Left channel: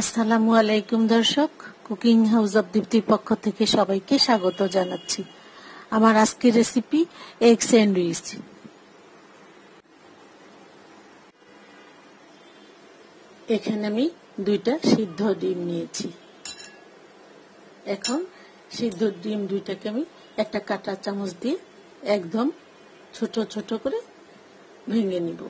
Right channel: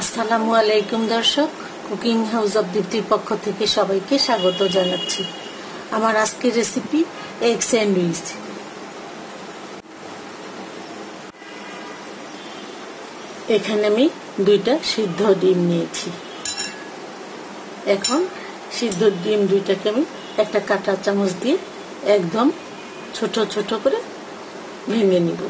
আসসালামু আলাইকুম দর্শক, কুকিং হাউস অব দীপ্তির পক্ষ থেকে সবাইকে স্বাগত জানাচ্ছি। আমার আজকের রেসিপি এগ স্যান্ডউইচ। এখানে আমি 2টা সিদ্ধ ডিম নিয়েছি। এখন সিদ্ধ ডিম 2টাকে আমি একটা কাঁটা চামচ দিয়ে একদম ছোট ছোট করে ভেঙে নিব।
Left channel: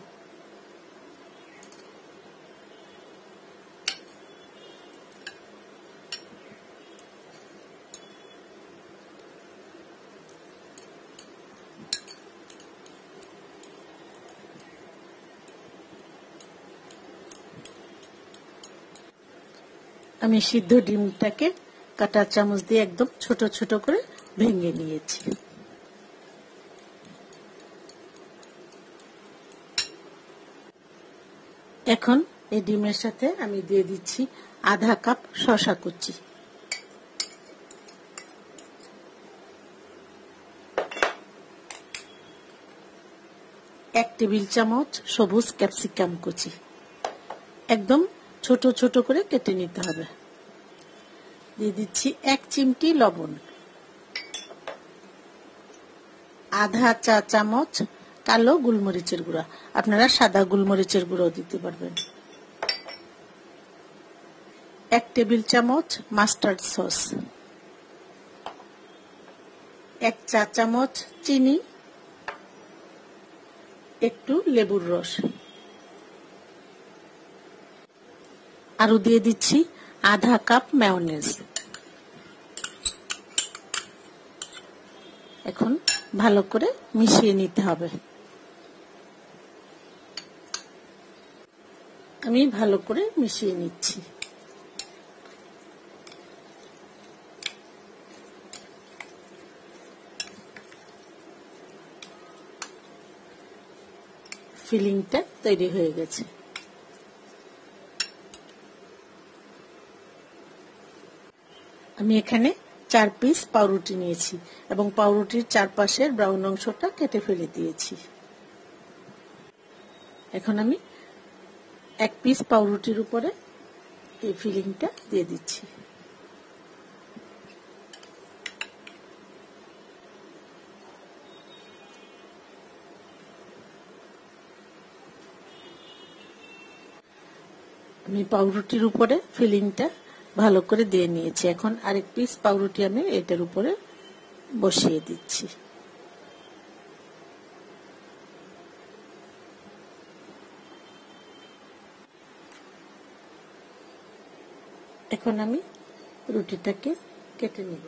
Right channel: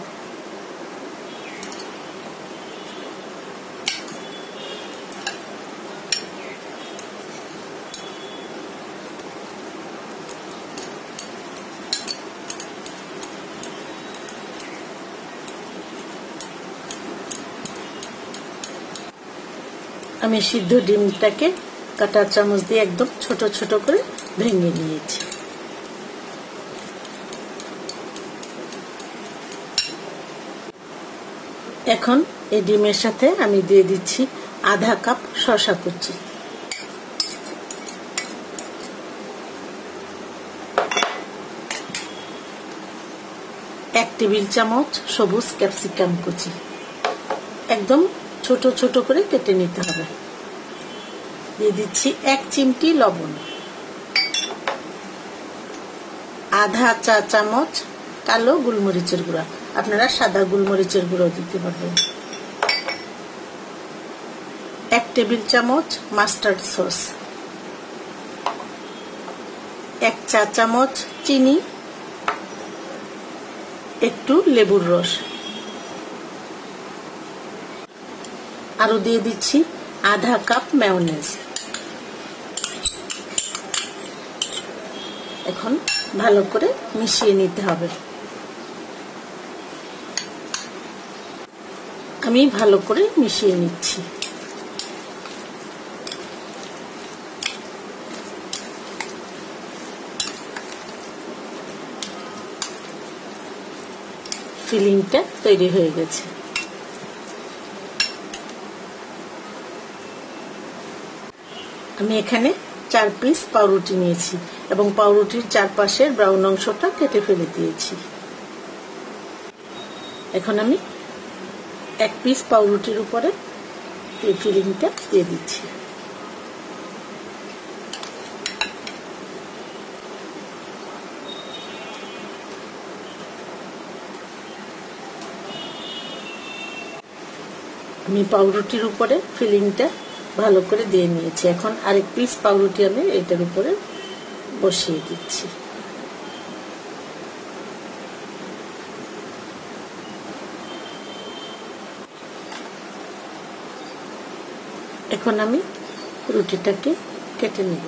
আমি সিদ্ধ ডিমটাকে কাঁটার চামচ দিয়ে একদম ছোট ছোট করে ভেঙে নিয়েছি। এখন এই ডিমের সাথে আমি দিয়ে দিচ্ছি আধা কাপ শসা কুচি, 1 টেবিল চামচ সবুজ ক্যাপসিকাম কুচি, একদম ছোট ছোট করে কেটে নিতে হবে। দিয়ে দিচ্ছি 1 চিমটি লবণ, আধা চা চামচ কালো গোলমরিচের গুঁড়া, আপনারা সাদা গোলমরিচের গুঁড়ো দিতে পারবেন, 1 টেবিল চামচ মাস্টার্ড সস, 1 চা চামচ চিনি, একটু লেবুর রস, আরো দিয়ে দিচ্ছি আধা কাপ মেয়োনেজ। এখন ভালো করে মিশিয়ে নিতে হবে। আমি ভালো করে মিশিয়ে নিচ্ছি। ফিলিংটা তৈরি হয়ে গেছে। আমি এখানে 4 পিস পাউরুটি নিয়েছি এবং পাউরুটির চারপাশের ব্রাউন অংশটা কেটে ফেলে দিয়েছি। এখন আমি 1 পিস পাউরুটির উপরে এই ফিলিংটা দিয়ে দিচ্ছি। আমি পাউরুটির উপরে ফিলিংটা ভালো করে দিয়ে নিয়েছি। এখন আরেক পিস পাউরুটি আমি এটার উপরে বসিয়ে দিচ্ছি। এখন আমি রুটিটাকে কেটে নেব।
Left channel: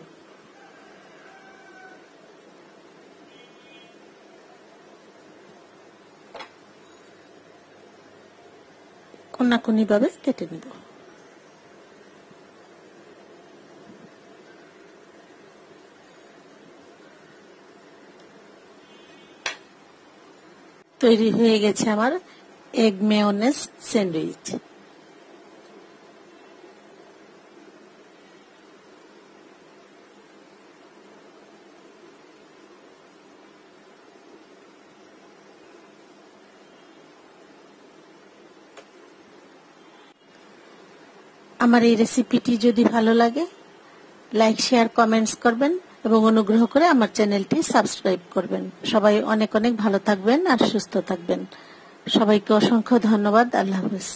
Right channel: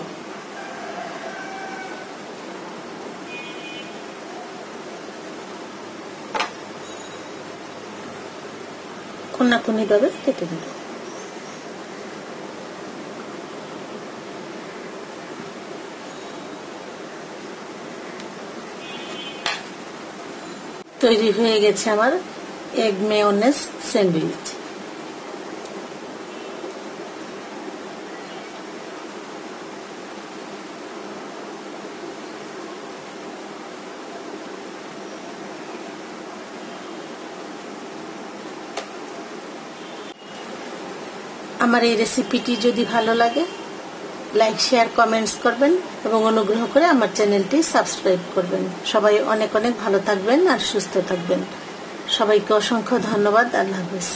কোনাকুনি ভাবে কেটে নেব। তৈরি হয়ে গেছে আমার এগ মেয়োনেজ স্যান্ডউইচ। আমার এই রেসিপিটি যদি ভালো লাগে লাইক শেয়ার কমেন্টস করবেন এবং অনুগ্রহ করে আমার চ্যানেলটি সাবস্ক্রাইব করবেন। সবাই অনেক অনেক ভালো থাকবেন আর সুস্থ থাকবেন। সবাইকে অসংখ্য ধন্যবাদ। আল্লাহ হাফেজ।